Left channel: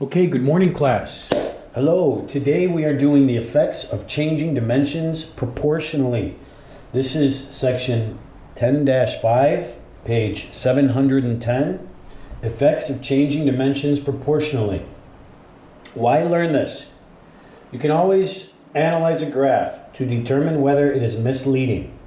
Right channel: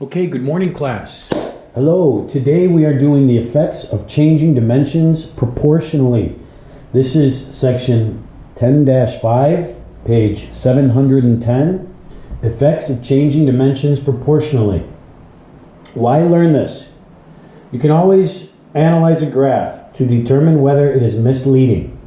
Okay, good morning, class. Hello, today we are doing the effects of changing dimensions proportionally. This is section 10-5, page 710, effects of changing dimensions proportionally. Why learn this? You can always analyze a graph to determine whether it is misleading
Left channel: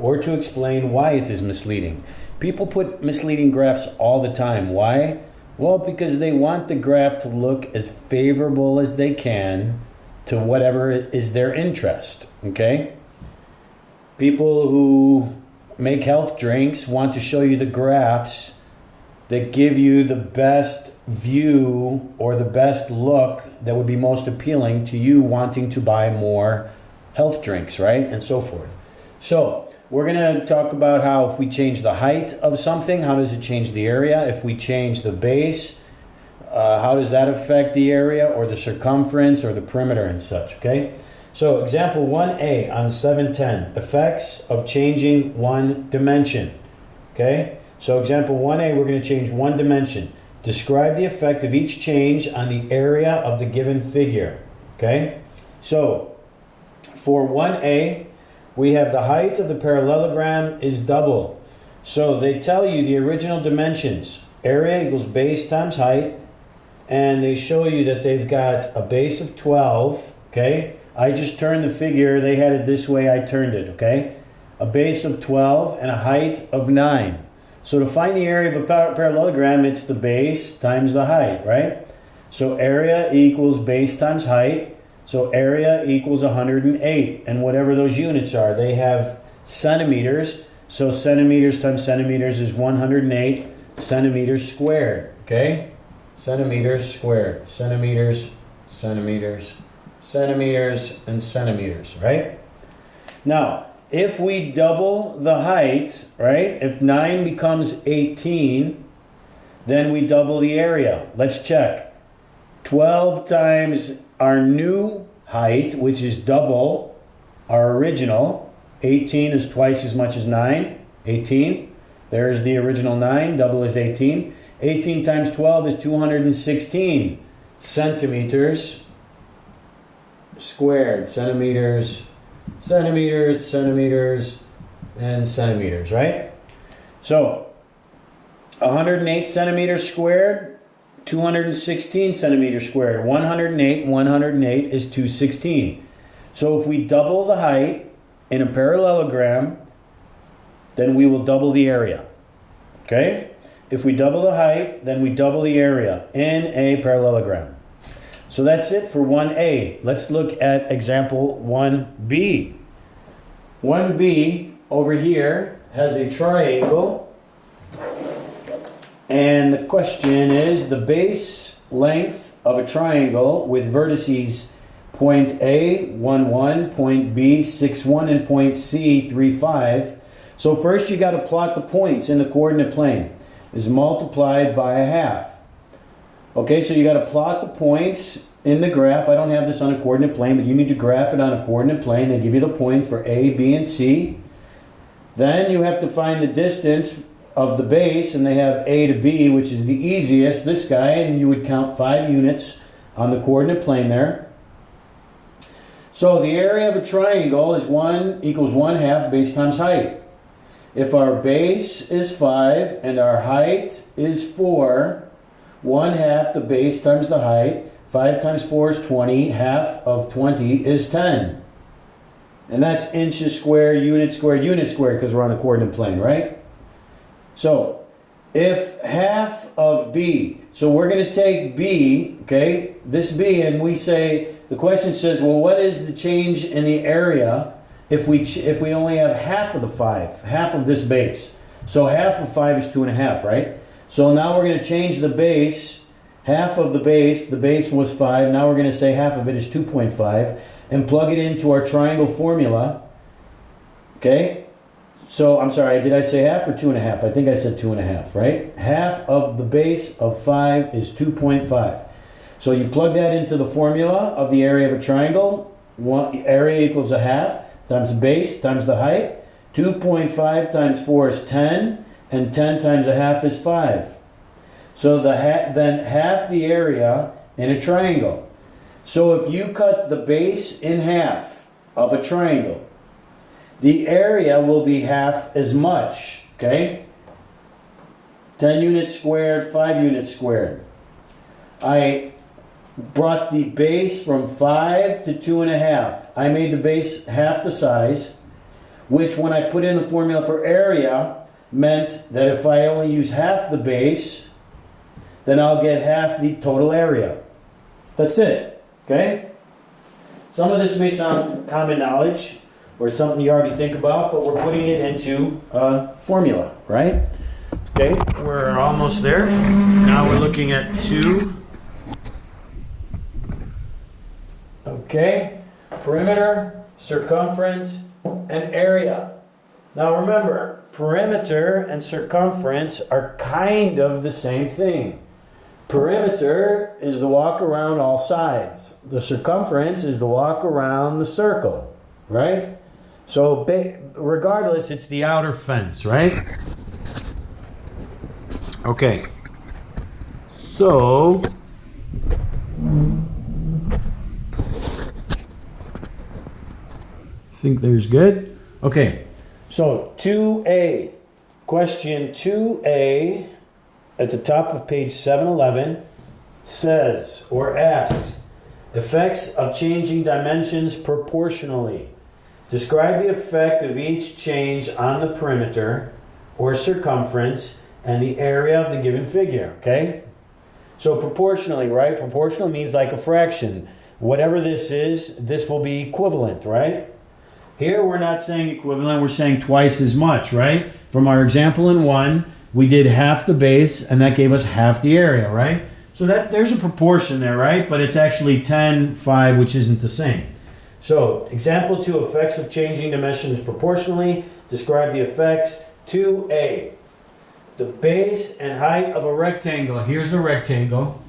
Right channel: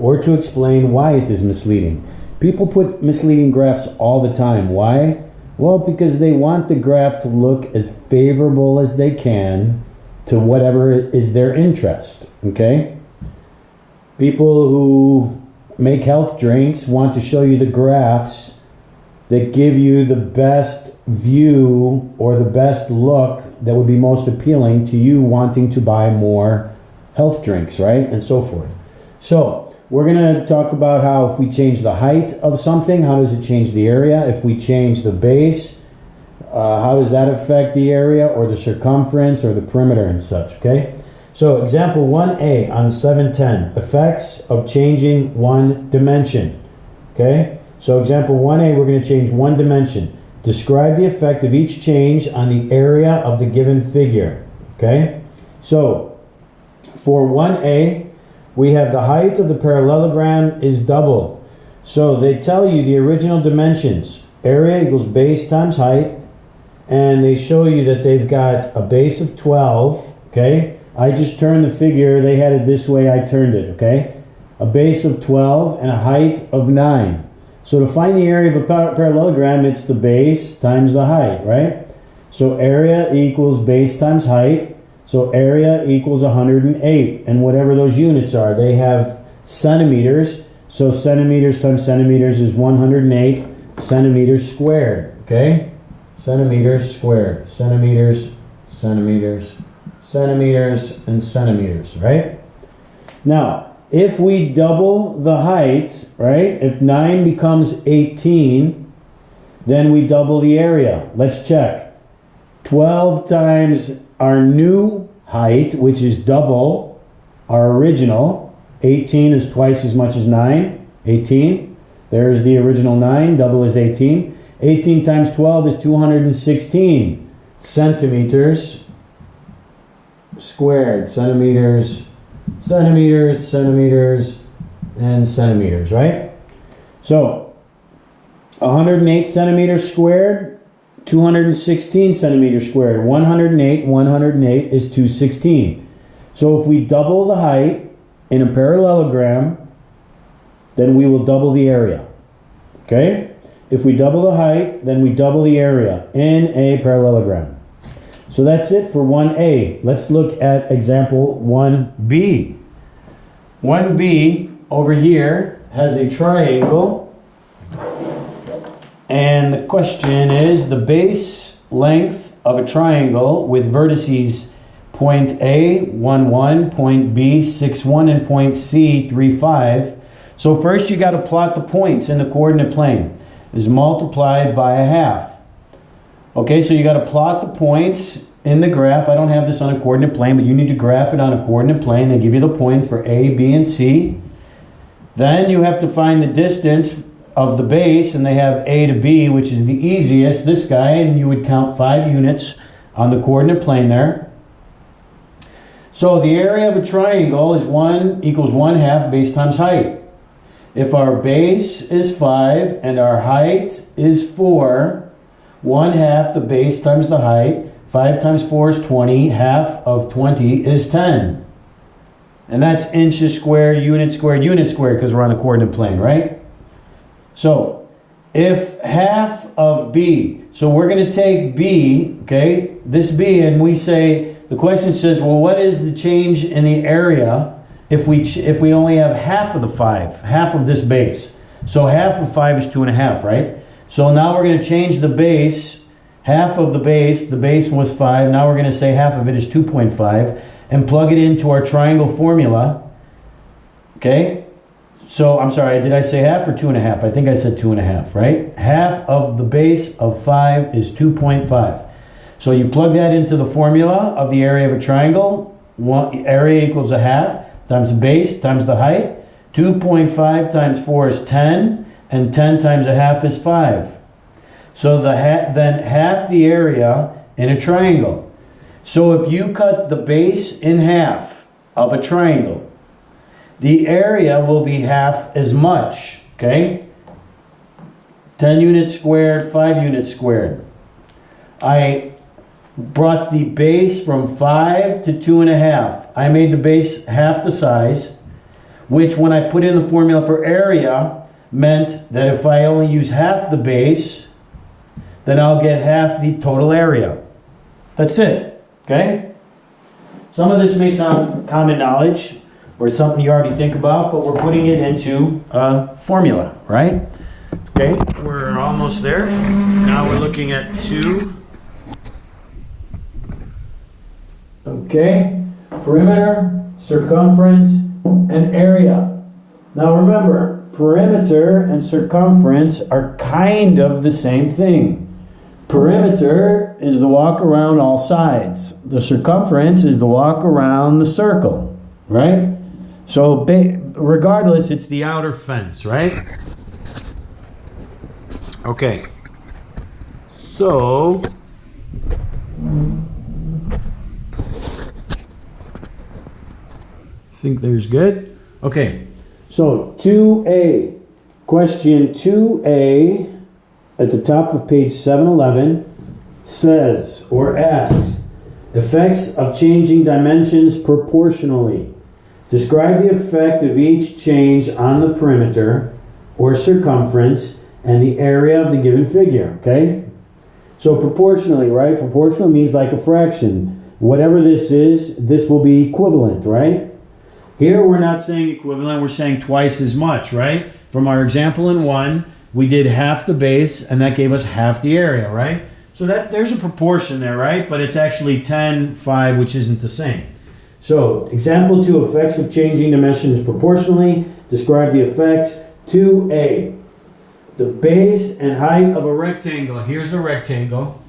or to explain why it is misleading. People put misleading graphs all the time. Why? Well, because they want the graph to look as favorable as they can to whatever is their interest, okay? People who make health drinks want to show you the graphs that give you the best view or the best look that would be most appealing to you wanting to buy more health drinks, right? And so forth. So, we're going to talk about how if we change the height of something, how does it change the area? If we change the base, how does that affect the area or the circumference or the perimeter and such, okay? So example 1a on 710, effects of changing one dimension, okay? So example 1a, we're going to change one dimension. Describe the effect of each change on the area of the given figure, okay? So for 1a, we have the height of the parallelogram is double. So they tell you the original dimensions. Area equals base times height. And they show you that they've got a base of 12. Okay. I just turned the figure. They had it this way. I turned it. Okay. A base of 12 and a height of 9. So to find the area of a parallelogram, it's the base times the height, right? So area equals base times height. So area equals 108, and whatever those units are, they have centimeters. So centimeters times centimeters is 108 centimeters squared, okay? Centimeters squared, centimeters, centimeters, centimeters, and centimeters, right? Now, if we double the height, right, if 9 becomes 18, then we double the area. Let's check. 12 times our new height, which is double our original. 18 is twice as much as 9. 18. There's the original 9. Double is 18. 18 times 12 is 216 centimeters squared. Centimeters, centimeters, centimeters, and centimeters, right? So 108 centimeters squared, 216 centimeters squared. 108 is 216. So if we double the height in a parallelogram, then we will double the area. Okay? If we double the height, then we double the area in a parallelogram. So that's it for 1a. Let's look at example 1b. 1b over here has a triangle. And the question is the base length of a triangle with vertices point A, 1, 1, point B, 6, 1, and point C, 3, 5. So first you got to plot the points in the coordinate plane. Is multiplied by a half. Okay, so you got to plot the points in the graph. I don't have this on a coordinate plane, but you need to graph it on a coordinate plane. They give you the points for A, B, and C. Then you have to find the distance of the base, and they have A to B, which is the easiest, this guy, and you would count 5 units on the coordinate plane there. So the area of a triangle is 1 equals 1/2 base times height. If our base is 5 and our height is 4, 1/2 the base times the height, 5 times 4 is 20, half of 20 is 10. And that's inches squared, unit squared, because we're on the coordinate plane, right? So, if half of B, so we're going to take B, okay, this B, and we say, the question says, well, what is the change in the area if we only have half of the 5, half of this base? So half of 5 is 2.5, right? So now we're going to change the base, half of the base was 5, now we're going to say half of it is 2.5, and plug it into our triangle formula, okay? So, I'm sorry, did I say half or 2.5? I think I said 2.5, right? Half of the base of 5 is 2.5. So you plug that into the formula of the area of a triangle. Area equals a half times the base times the height. 2.5 times 4 is 10, and 10 times a half is 5. So then half the area in a triangle. So if you cut the base in half of a triangle, the area will be half as much, okay? 10 units squared, 5 units squared. I brought the base from 5 to 2.5. I made the base half the size, which when I put in the formula for area, meant that if I only use half the base, then I'll get half the total area. That's it, okay? Some of this may sound common knowledge or something you already think about, but we're putting it into a formula, right? Okay, we're almost there. Now we're looking at 2. Okay, perimeter, circumference, and area. Now remember, perimeter and circumference are kind of the same thing. Perimeter is the walk around all sides. The circumference is the walk around the circle, right? So regardless, it's the outer fence, right? Okay. So I think there's good. Okay. So 2A, question 2A at the top of page 711 says or asks, effects of changing dimensions proportionally. Describe the effect of each change on the perimeter or circumference and the area of the given figure, okay? So proportionally, right? Proportional means like a fraction. Whatever this is, this will be equivalent, right? Here we're not saying equivalent, we're saying twice as much, right? From our example in 1, we did half the base and that gave us half the area, right? So that there's a proportion there, right? But it's actually 10:5, which isn't the same. So example 2, effects of changing dimensions proportionally. Describe the effects. 2A, the base and height of a rectangle. Here's a rectangle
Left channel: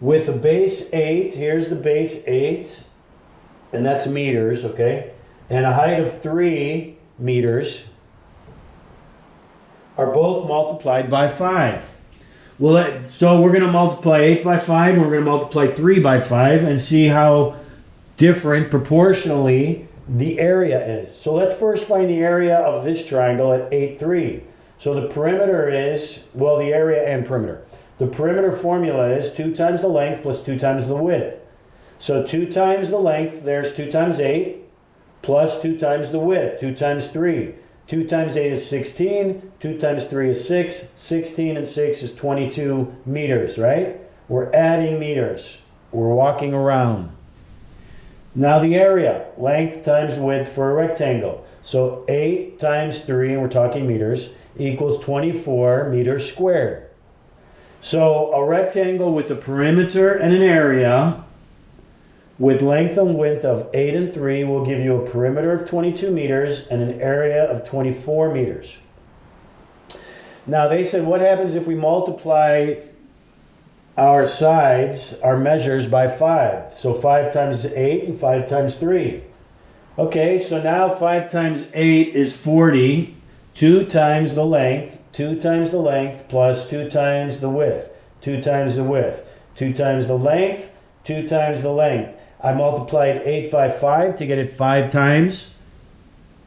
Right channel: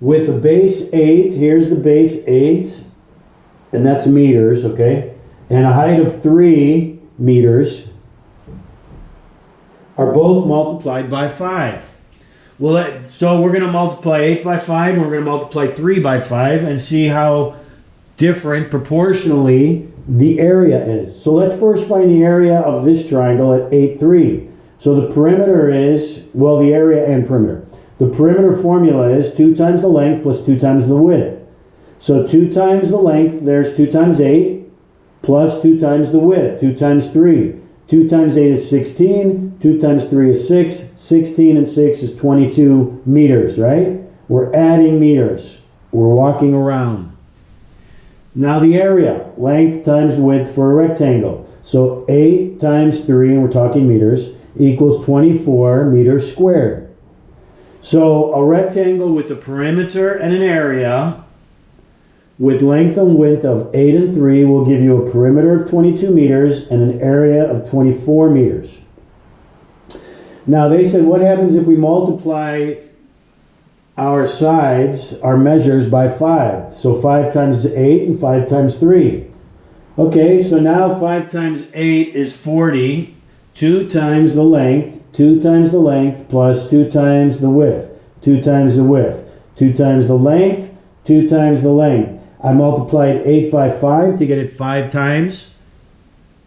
with a base 8. Here's the base 8, and that's meters, okay? And a height of 3 meters are both multiplied by 5. Well, so we're going to multiply 8 by 5, and we're going to multiply 3 by 5, and see how different proportionally the area is. So let's first find the area of this triangle at 8, 3. So the perimeter is, well, the area and perimeter. The perimeter formula is 2 times the length plus 2 times the width. So 2 times the length, there's 2 times 8, plus 2 times the width, 2 times 3. 2 times 8 is 16, 2 times 3 is 6, 16 and 6 is 22 meters, right? We're adding meters. We're walking around. Now the area, length times width for a rectangle. So 8 times 3, and we're talking meters, equals 24 meters squared. So a rectangle with a perimeter and an area with length and width of 8 and 3 will give you a perimeter of 22 meters and an area of 24 meters. Now they said, what happens if we multiply our sides, our measures, by 5? So 5 times 8 and 5 times 3. Okay, so now 5 times 8 is 40. 2 times the length, 2 times the length, plus 2 times the width, 2 times the width, 2 times the length, 2 times the length. I multiplied 8 by 5 to get it 5 times.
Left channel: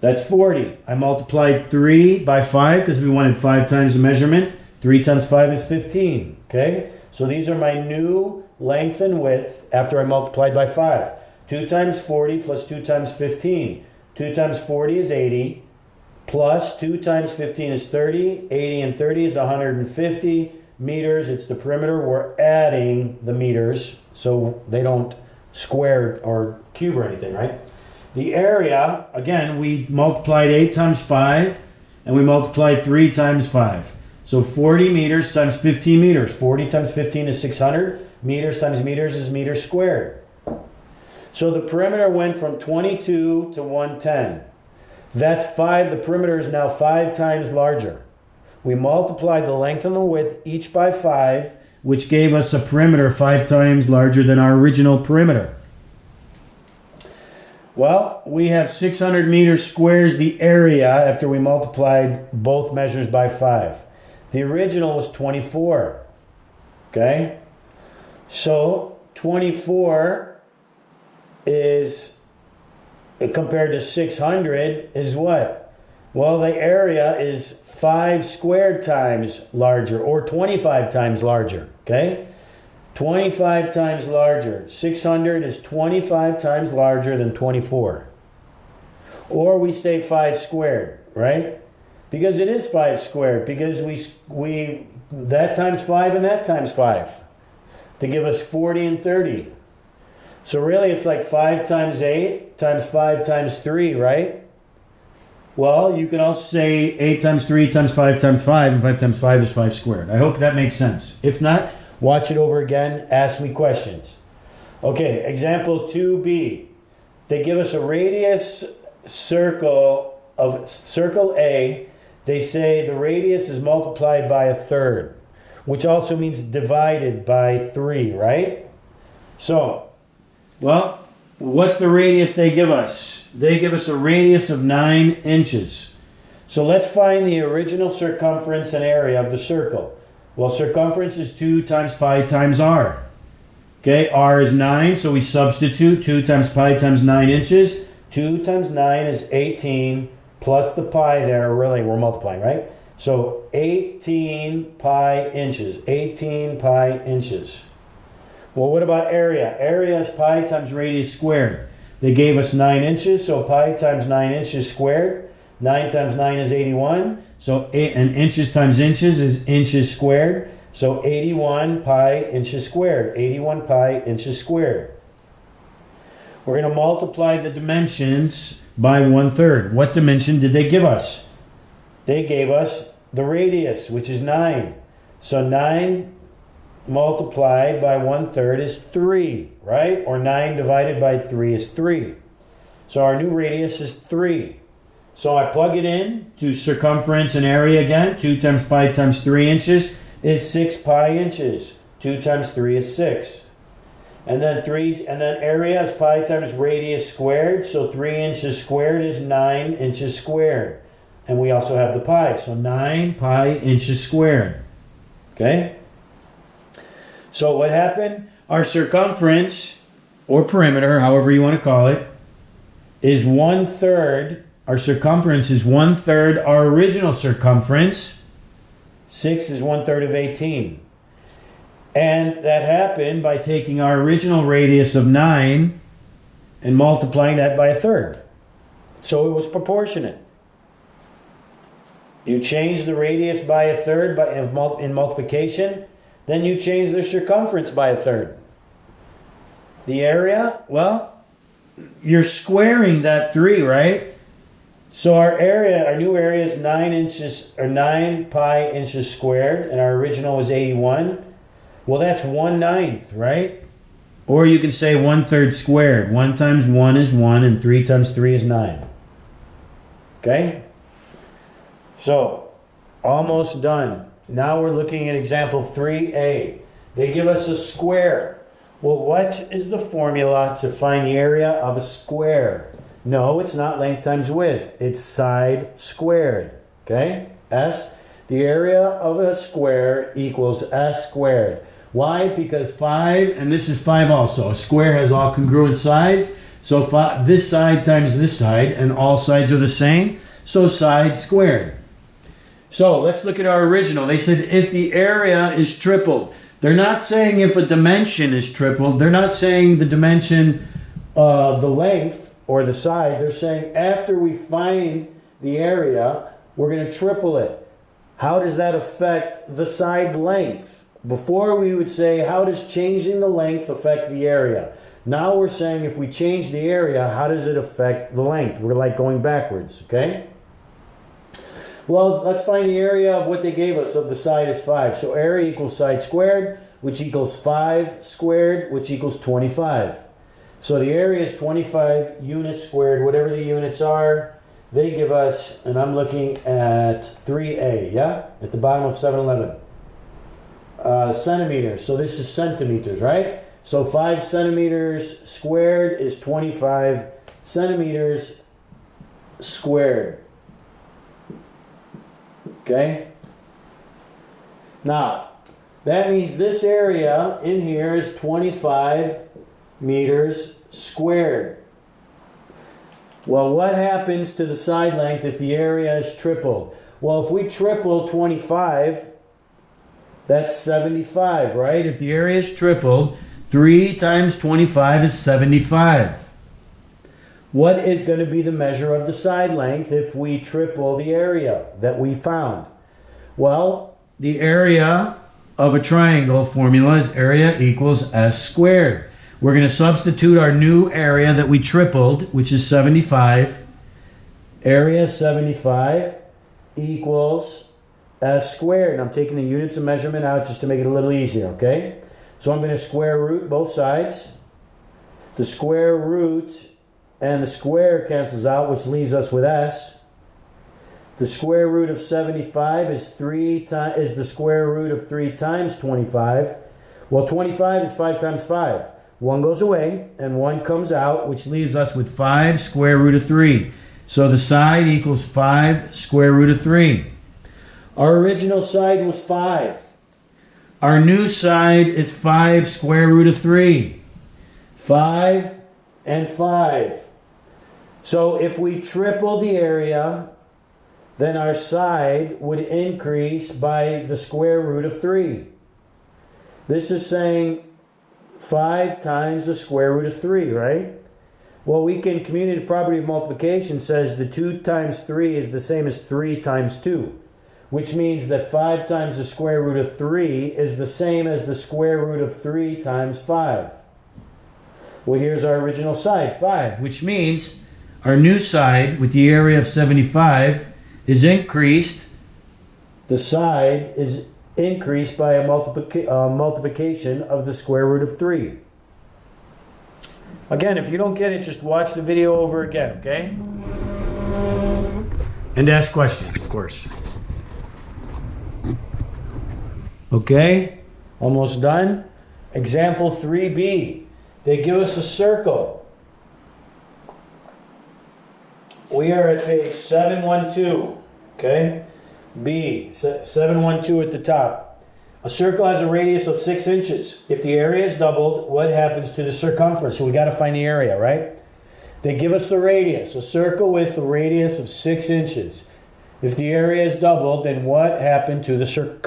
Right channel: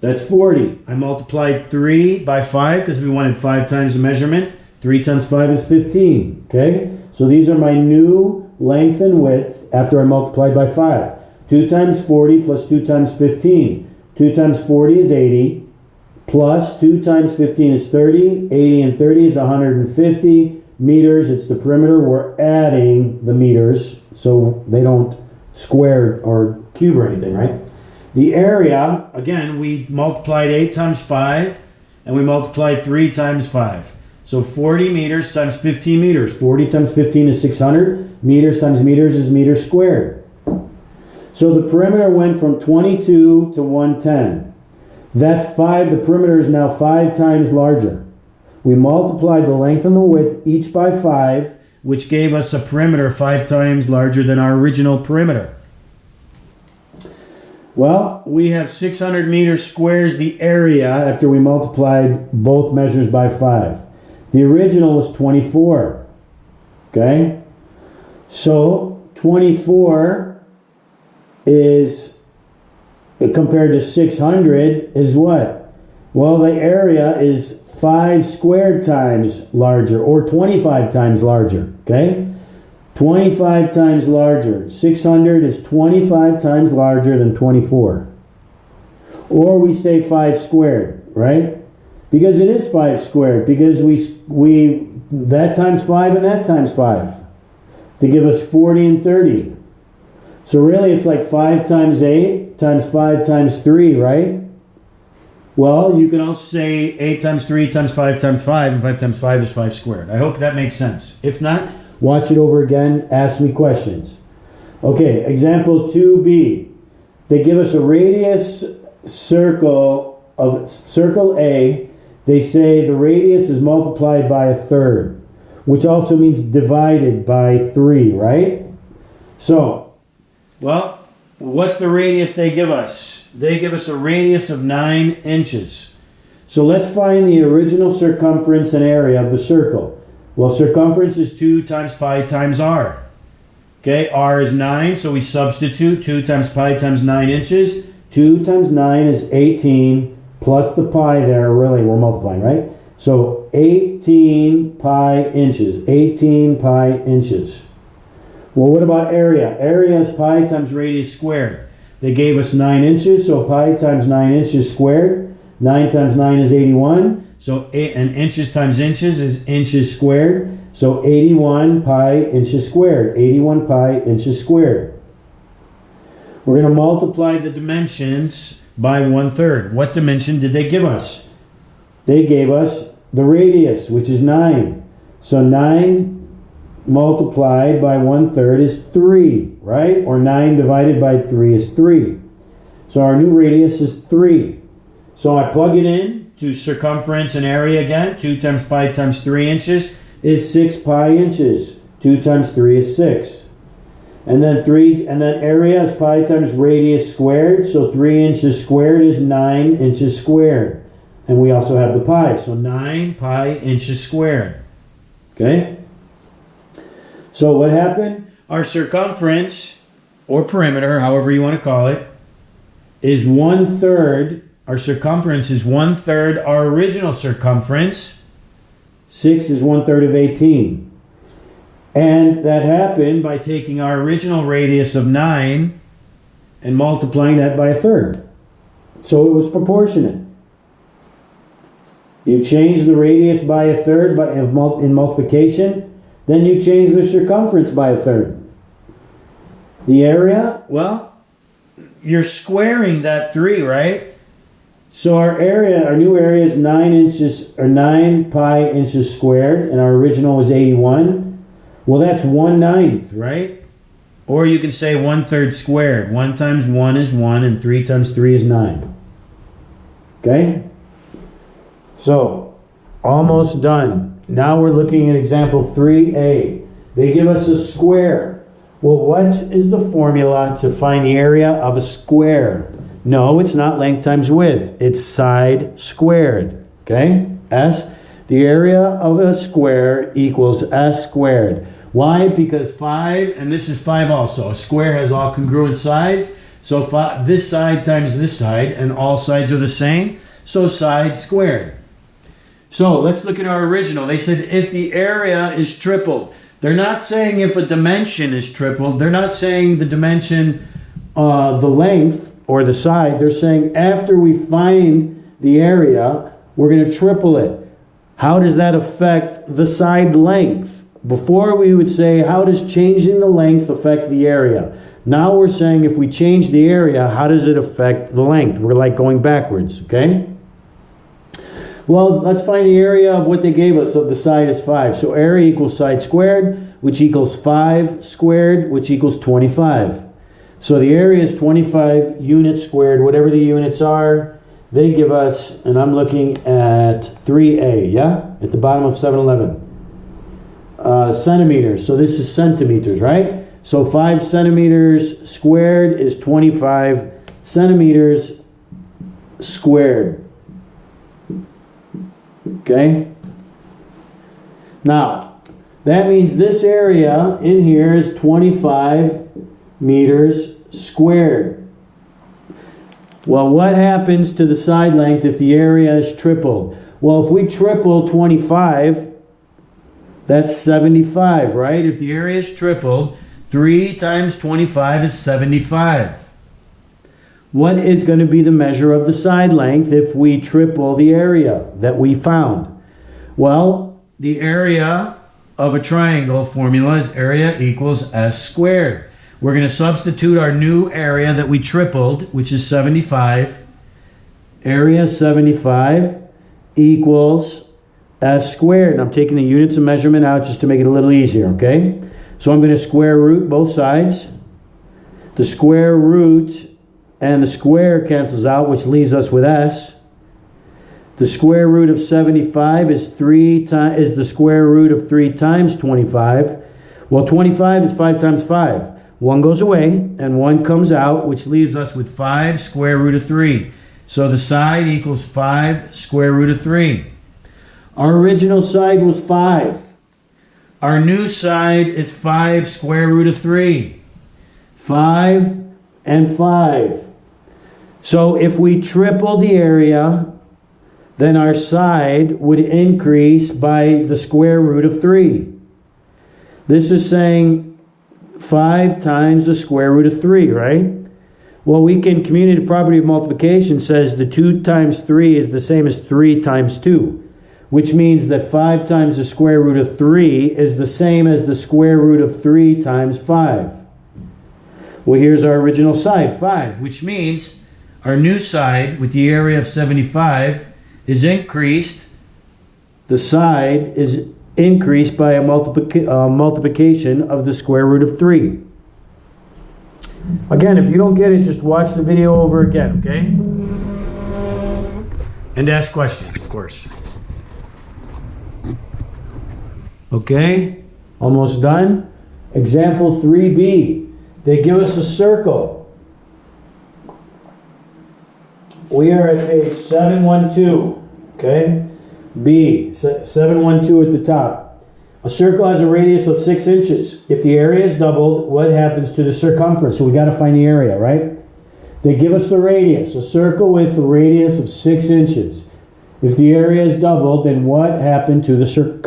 That's 40. I multiplied 3 by 5 because we wanted 5 times the measurement. 3 times 5 is 15. Okay? So these are my new length and width after I multiplied by 5. 2 times 40 plus 2 times 15. 2 times 40 is 80. Plus 2 times 15 is 30. 80 and 30 is 150 meters. It's the perimeter. We're adding the meters so they don't square or cube or anything, right? The area, again, we multiplied 8 times 5 and we multiplied 3 times 5. So 40 meters times 15 meters. 40 times 15 is 600. Meters times meters is meters squared. So the perimeter went from 22 to 110. That's 5. The perimeter is now 5 times larger. We multiplied the length and the width each by 5, which gave us a perimeter 5 times larger than our original perimeter. Well, we have 600 meters squares the area after we multiplied both measures by 5. The original was 24. Okay? So 24 is, compared to 600, is what? Well, the area is 5 squared times larger, or 25 times larger, okay? 25 times larger. 600 is 25 times larger than 24. Or we say 5 squared, right? Because it is 5 squared, because we that times 5 and that times 5 to give us 40 and 30. So really it's like 5 times 8 times 5 times 3, right? Well, you could also say 8 times 3 times 5 times 5, and 5 times 5 is 5 squared. I hope that makes sense. If not, watch it over again, ask me questions. Okay, example 2b. They give us a radius circle of circle A. They say the radius is multiplied by a third, which also means divided by 3, right? So, well, what's the radius they give us? They give us a radius of 9 inches. So let's find the original circumference and area of the circle. Well, circumference is 2 times pi times r. Okay, r is 9, so we substitute 2 times pi times 9 inches. 2 times 9 is 18, plus the pi there, really, we're multiplying, right? So 18 pi inches. 18 pi inches. Well, what about area? Area is pi times radius squared. They gave us 9 inches, so pi times 9 inches squared. 9 times 9 is 81. So and inches times inches is inches squared. So 81 pi inches squared. 81 pi inches squared. We're going to multiply the dimensions by 1/3. What dimension did they give us? They gave us the radius, which is 9. So 9 multiplied by 1/3 is 3, right? Or 9 divided by 3 is 3. So our new radius is 3. So I plug it in to circumference and area again. 2 times pi times 3 inches is 6 pi inches. 2 times 3 is 6. And then area is pi times radius squared. So 3 inches squared is 9 inches squared. And we also have the pi. So 9 pi inches squared. Okay? So what happened? Our circumference, or perimeter, however you want to call it, is 1/3. Our circumference is 1/3 our original circumference. 6 is 1/3 of 18. And that happened by taking our original radius of 9 and multiplying that by 1/3. So it was proportionate. You change the radius by 1/3 in multiplication, then you change the circumference by 1/3. The area, well, you're squaring that 3, right? So our new area is 9 inches, or 9 pi inches squared, and our original was 81. Well, that's 1/9, right? Or you can say 1/3 squared. 1 times 1 is 1, and 3 times 3 is 9. Okay? So, almost done. Now we're looking at example 3a. They give us a square. Well, what is the formula to find the area of a square? No, it's not length times width. It's side squared. Okay? S. The area of a square equals S squared. Why? Because 5, and this is 5 also. A square has all congruent sides. So this side times this side, and all sides are the same. So side squared. So let's look at our original. They said if the area is tripled. They're not saying if a dimension is tripled. They're not saying the dimension, the length or the side. They're saying after we find the area, we're going to triple it. How does that affect the side length? Before we would say, how does changing the length affect the area? Now we're saying if we change the area, how does it affect the length? We're like going backwards, okay? Well, let's find the area of what they gave us of the side is 5. So area equals side squared, which equals 5 squared, which equals 25. So the area is 25 units squared, whatever the units are. They give us, and I'm looking at 3a, yeah? At the bottom of 711. Centimeters. So this is centimeters, right? So 5 centimeters squared is 25 centimeters squared. Okay? Now, That means this area in here is 25 meters squared. Well, what happens to the side length if the area is tripled? Well, if we triple 25, that's 75, right? If the area is tripled, 3 times 25 is 75. What is going to be the measure of the side length if we triple the area that we found? Well, the area of a triangle formula is area equals s squared. We're going to substitute our new area that we tripled, which is 75. Area 75 equals s squared. And I'm taking the units of measurement out just to make it a little easier, okay? So I'm going to square root both sides. The square root and the square cancels out, which leaves us with s. The square root of 75 is the square root of 3 times 25. Well, 25 is 5 times 5. 1 goes away and 1 comes out, which leaves us with 5 square root of 3. So the side equals 5 square root of 3. Our original side was 5. Our new side is 5 square root of 3. 5 and 5. So if we triple the area, then our side would increase by the square root of 3. This is saying 5 times the square root of 3, right? Well, we can, commutative property of multiplication says the 2 times 3 is the same as 3 times 2, which means that 5 times the square root of 3 is the same as the square root of 3 times 5. Well, here's our original side, 5, which means our new side with the area of 75 is increased. The side is increased by a multiplication of the square root of 3. Again, if you don't get it, just watch the video over again, okay? And ask questions, of course. Okay, almost done. Example 3b. They give us a circle. We are at page 712, okay? B, 712 at the top. A circle has a radius of 6 inches. If the area is doubled, what happens to the circumference? So we got to find the area, right? They give us the radius, a circle with a radius of 6 inches. If the area is doubled, then what happened to the circumference?